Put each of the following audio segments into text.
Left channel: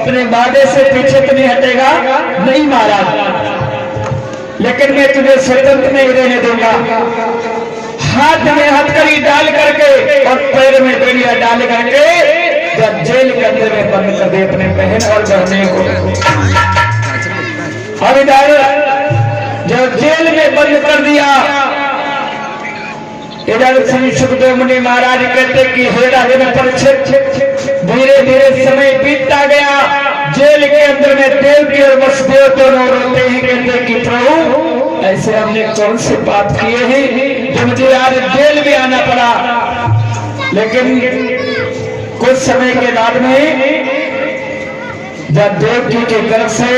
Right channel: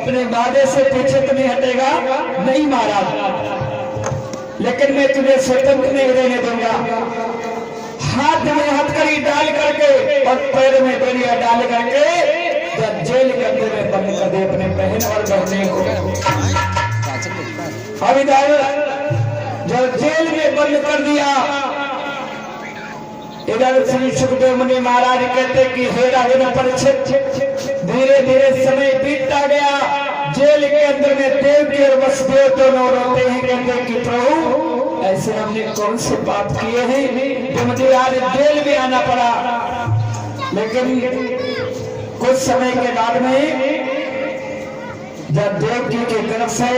अपने वादे से पीछे तो नहीं हटेगा। नहीं महाराज, लेकिन मैं तुझे स्वतंत्र नहीं रहने दूंगा। हाथ में हथकड़ी डाल करके और पैर में बेड़िया डाल करके जब जेल के अंदर में बंद कर दे अपने बहन और बहने को। और इधर जब जेल में बंद कर दिया, इधर श्री सुखदेव मुनि महाराज कहते कि हेरा हेरा परिचित धीरे धीरे समय बीतता गया। जेल के अंदर में देवकी और वसुदेव दोनों रोते हैं, कहते कि प्रभु ऐसे हमने कौन से पाप किए हैं जो मुझे आज जेल में आना पड़ा। लेकिन कुछ समय के बाद में जब देवकी के गर्भ से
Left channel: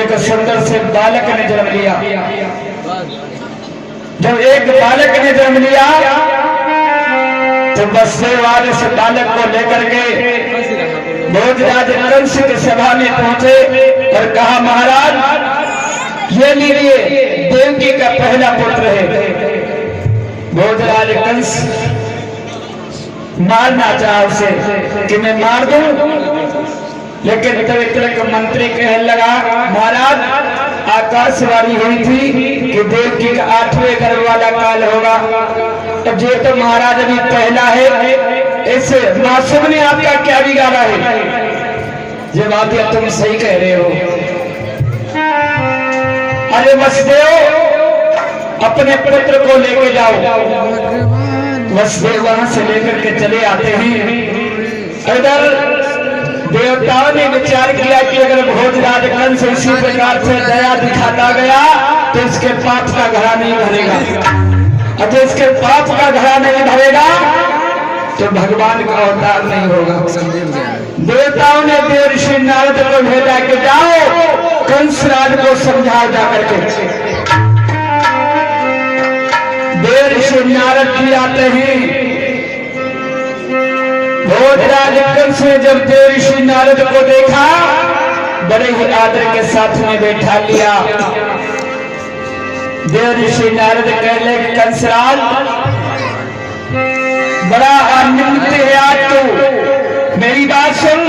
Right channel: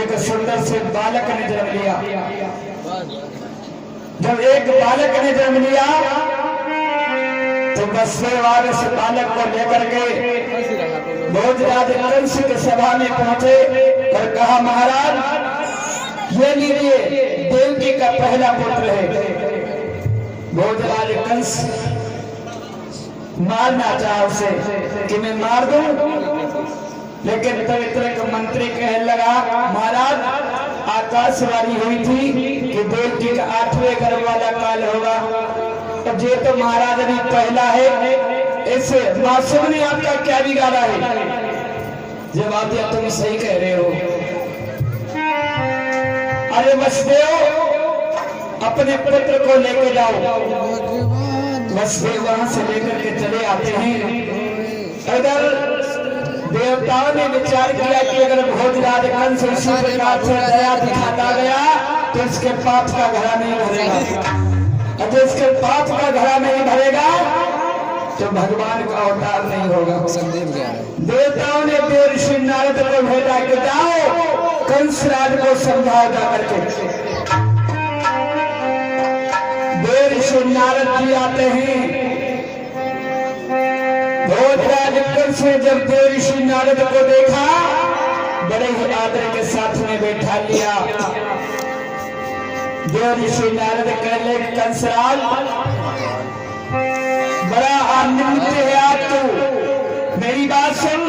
एक सुंदर से बालक ने जन्म लिया, जब एक बालक ने जन्म लिया तो वसुदेव इस बालक को लेकर के भोजराज कंस की सभा में पहुंचे और कहा महाराज ये लीजिए देवकी का पहला पुत्र है। भोजराज कंस मारना चाहा उसे कि मैं मार दूं, लेकिन तरह का मंत्री कहने लगा महाराज आकाशवाणी हुई थी कि देवकी का 8वें गर्भ वाला काल होगा। अब जो तो महाराज अभी पहला है, इस मासूम ने आपका क्या बिगाड़ा है? जवाब दिया तुम सही कह रहे हो। अरे वसुदेव अपने पुत्र को लेके जाओ। वसुदेव वहां से लेकर के चले आते हैं। इधर देवताओं ने विचार किया कि अगर भोजराज कंस इसी प्रकार से दया दिखाता गया तो इसके पाप का घड़ा नहीं भरेगा, और जो इसके पाप का घड़ा नहीं भरेगा तो भगवान का अवतार नहीं होगा। देवताओं ने देव ऋषि नारद को भेजा कि जाओ कंसराज को समझाओ जाकर के। देव ऋषि नारद जी आते हैं। भोजराज कंस ने जब देव ऋषि नारद को देखा बड़े ही आदर के साथ में बैठा लिया। देव ऋषि नारद कहले कंसराज बड़ा आनंदित है आज तो, मेरी बात सुन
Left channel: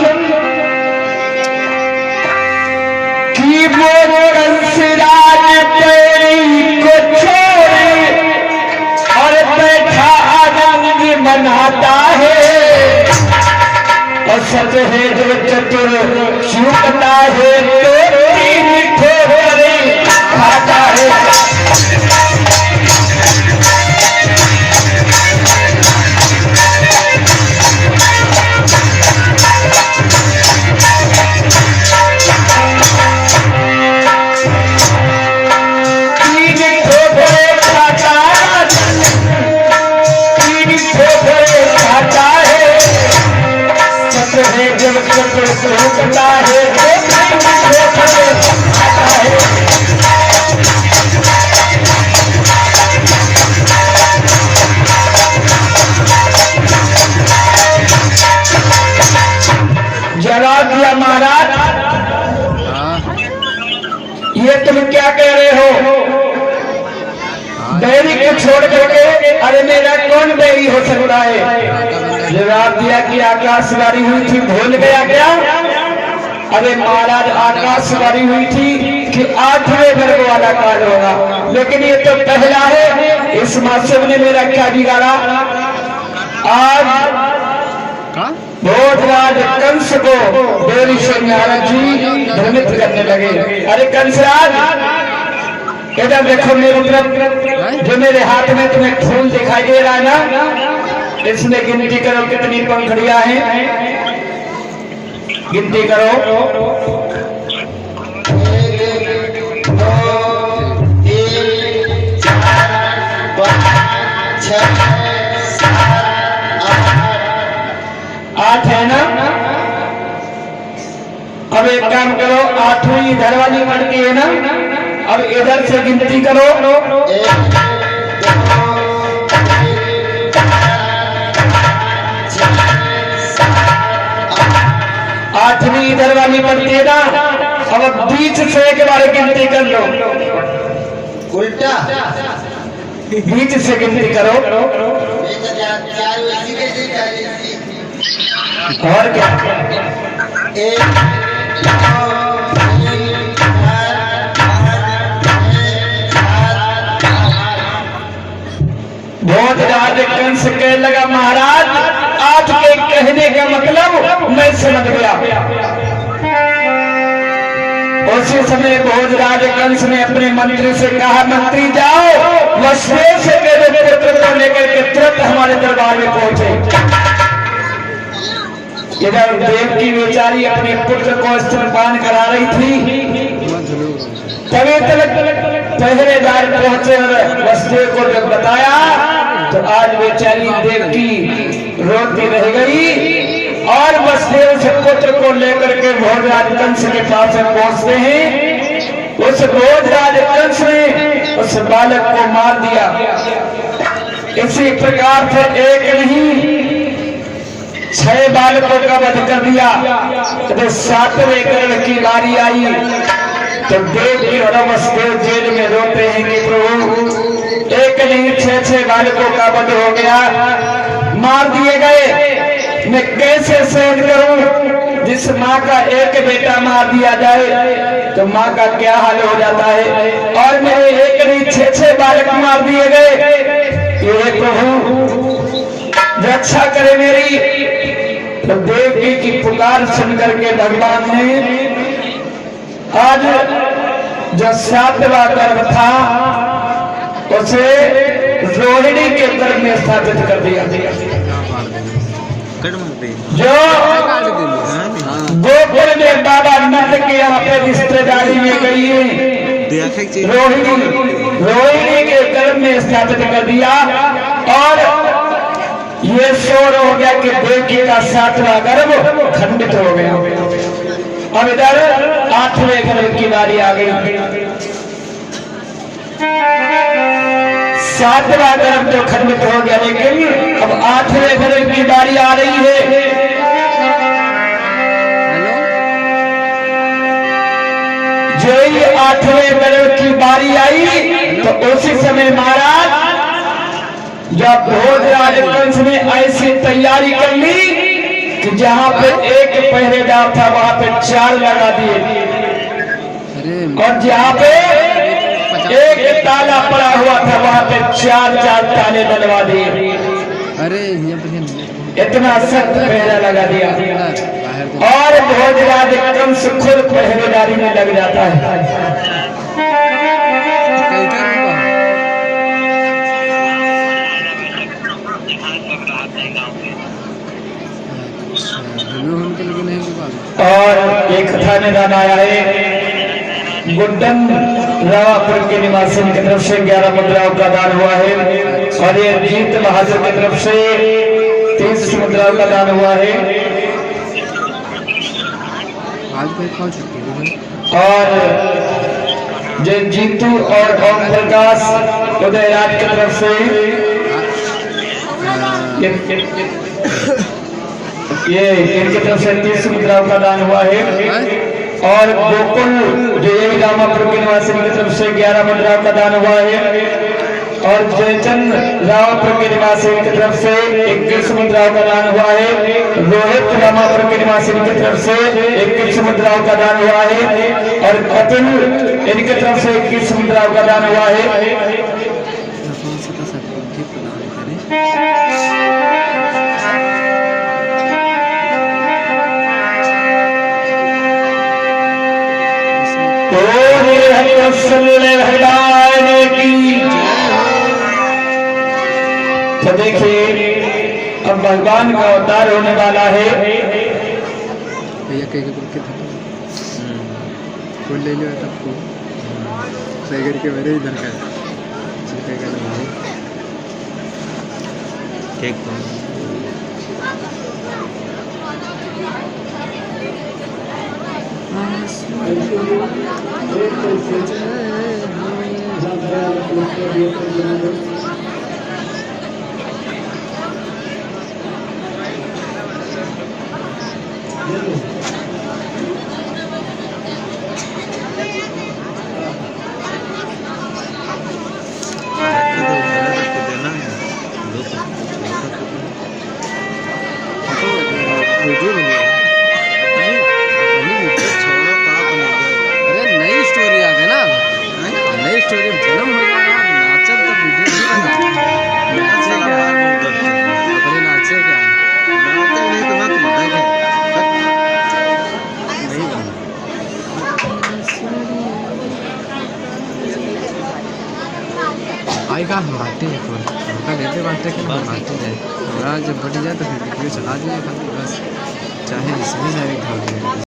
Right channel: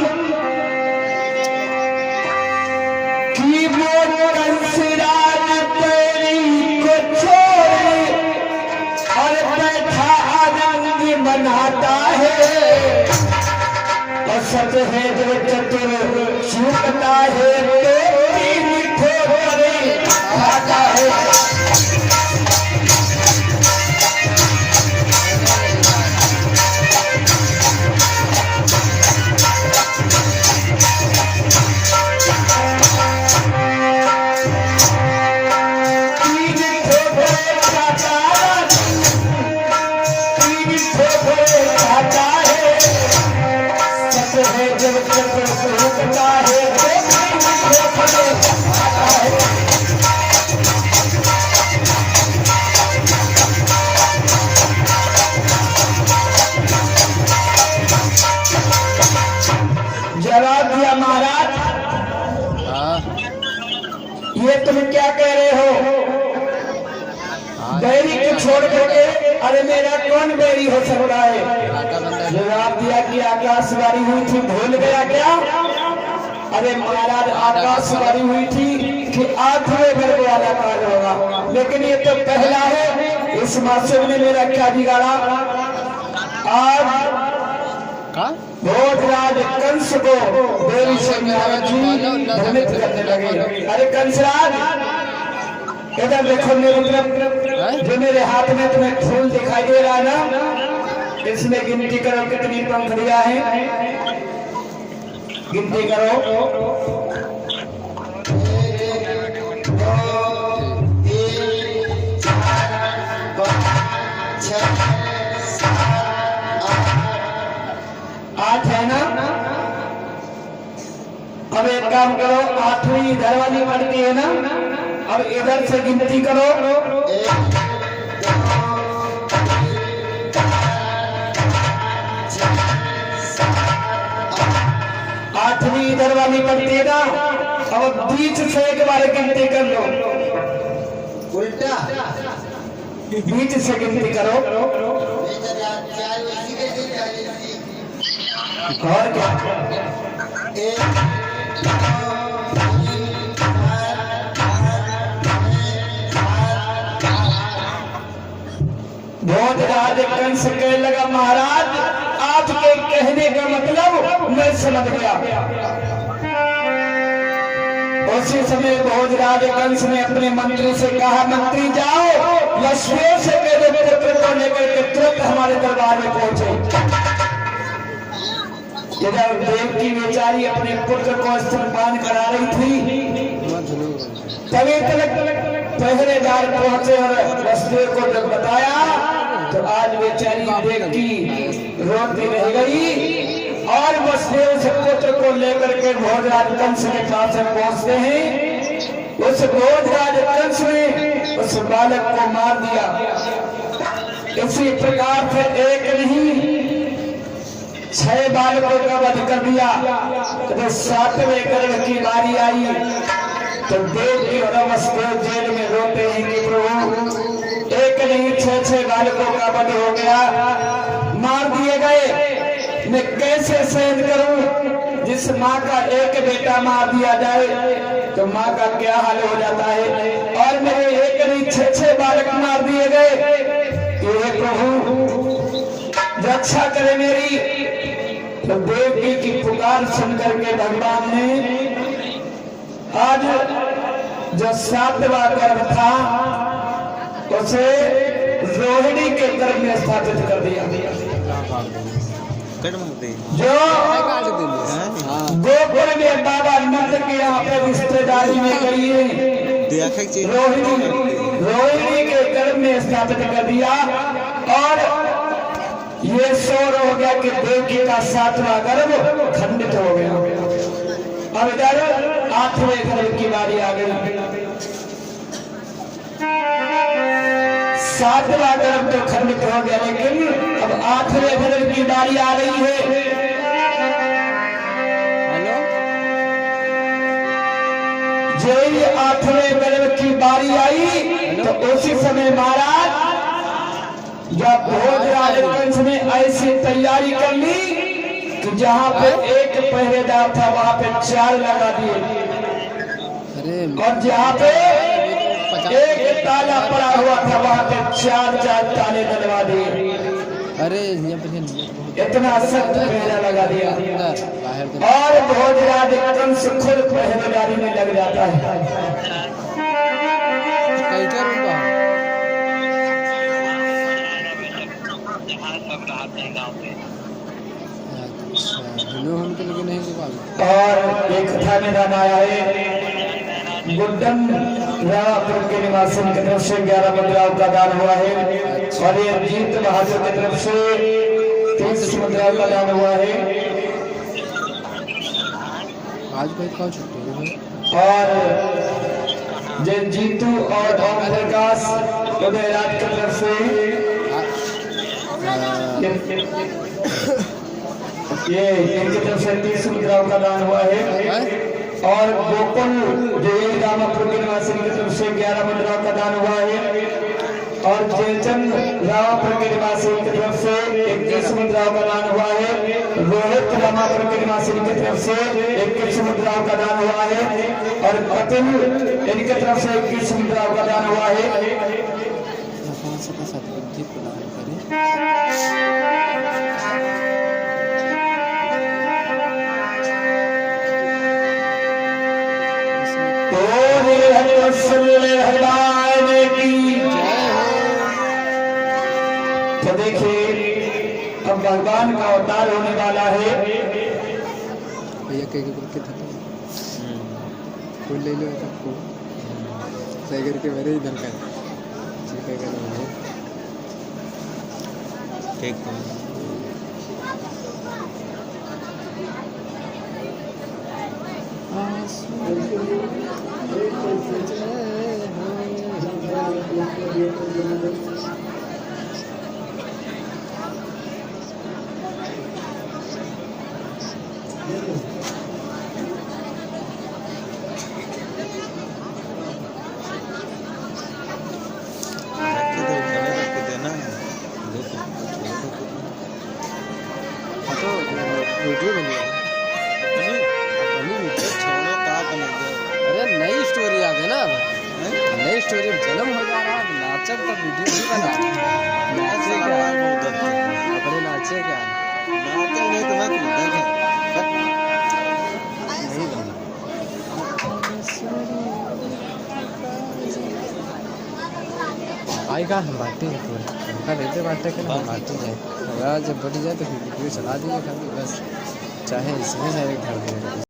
कि वो कंसराज तेरी को छोड़े और बैठा आनंद मनाता है, और सच है जो चतुर चूकता है तो तीन ठोकरे खाता है। छोड़ करके अरे मेरा कौन बैरी हो सकता है? जवाब दिया कि आकाशवाणी हुई थी, भूल गया क्या? अरे महाराज आकाशवाणी हुई थी कि 8वें गर्भ वाला काल होगा, लेकिन ये तो पहला है। इस मासूम ने मेरा क्या बिगाड़ा? आज भोजराज कंस को देव ऋषि नारद जी भ्रमित करने लगे। अरे कंसराज इधर देखो मेरी तरफ, जो मेरे हाथ में तुम्हें फूल दिखाई दे रहा है ना, इसमें गिनती करो कितनी पंखुड़ियां हैं, गिनती करो। 1 2 3 4 5 6 7 8 है ना? अब एक काम करो, 8वीं इधर वाली पड़ती है ना, अब इधर से गिनती करो। 1 8वीं इधर वाली पड़ती है ना, अब बीच से एक बार गिनती कर लो। उल्टा बीच से गिनती करो। और क्या 1 2 3 4 भोजराज कंस कहने लगा महाराज आपके कहने का मतलब मैं समझ गया। उसी समय भोजराज कंस ने अपने मंत्री से कहा मंत्री जाओ वसुदेव से कह दो पुत्र को लेकर के तुरंत हमारे दरबार में पहुंचे। इधर देवकी बेचारी अपने पुत्र को स्तनपान करा रही थी, तभी तक पहरेदार पहुंचे और वसुदेव को जब बताया तो आज बेचारी देवकी रोती रह गई और वसुदेव से पुत्र को लेकर के भोजराज कंस के पास पहुंचते हैं। उस भोजराज कंस ने उस बालक को मार दिया। इसी प्रकार से एक नहीं 6 बालकों का वध कर दिया। जब 7वें कर्ण की बारी आई तो देवकी और वसुदेव जेल में रोते हैं कि प्रभु एक नहीं 6 बालकों का वध हो गया, मार दिए गए, मैं कैसे सहन करूं। जिस माँ का एक बेटा मार दिया जाए तो माँ का क्या हाल हो जाता है, और मेरे एक नहीं 6 बालक मार दिए गए। ये प्रभु रक्षा करे मेरी। तो देवकी की पुकार सुनकर के भगवान ने आज जो 7वां गर्भ था उसे रोहिणी के गर्भ में स्थापित कर दिया। जो गोकुल में बाबा नंद के यहाँ पे रिश्तेदारी में गई है रोहिणी के गर्भ में स्थापित कर दिया। और ये शोर हो गया कि देवकी का 7वां गर्भ खंडित हो गया। अब इधर 8वें गर्भ की बारी आ गई। 7वां गर्भ तो खंडित हो गया, लेकिन अब 8वें गर्भ की बारी आ रही है। जो ही 8वें गर्भ की बारी आई तो उसी समय महाराज जब भोजराज कंस ने ऐसी तैयारी कर ली कि जहां पे एक पहरेदार था वहां पे 4 लगा दिए, और जहां पे एक ताला पड़ा हुआ था वहां पे 4 ताले डलवा दिए। अरे इतना सख्त पहरा लगा दिया और भोजराज कंस खुद पहरेदारी में लग जाता है। और एक कथा में दान आया है, गुड्डन रावापुर के निवासी की तरफ से 11 मुद्राओं का दान हुआ है, और ये जीत बहादुर की तरफ से 30 मुद्राओं का दान हुआ है। आज कोई कौन छुट्टी है? और जय जीतू और ओम प्रकाश उदयराज की तरफ से ये इनकी तरफ से 30 मुद्राओं का दान हुआ है। और गोकुल जो यही रामापुर के निवासी की तरफ से 11 मुद्राओं का दान हुआ है। और जयचंद रामापुर के निवासी की तरफ से 21 मुद्राओं का दान हुआ है। रोहित रामापुर के निवासी की तरफ से 21 मुद्राओं का दान हुआ है। और अतुल इनकी तरफ से 21 मुद्राओं का दान हुआ है। तो देखिए अब भगवान का अवतार होने वाला है। भैया कहीं फोन ले लिया तब को सही करके मेरे इधर का ठीक का हम बांटते हैं फोन उनका देते बांटते कि हम बांटते जाए हमारा जब बढ़ जाए तो फिर वीडियो चला दिए खाली बस चाहे जिसमें जाए घर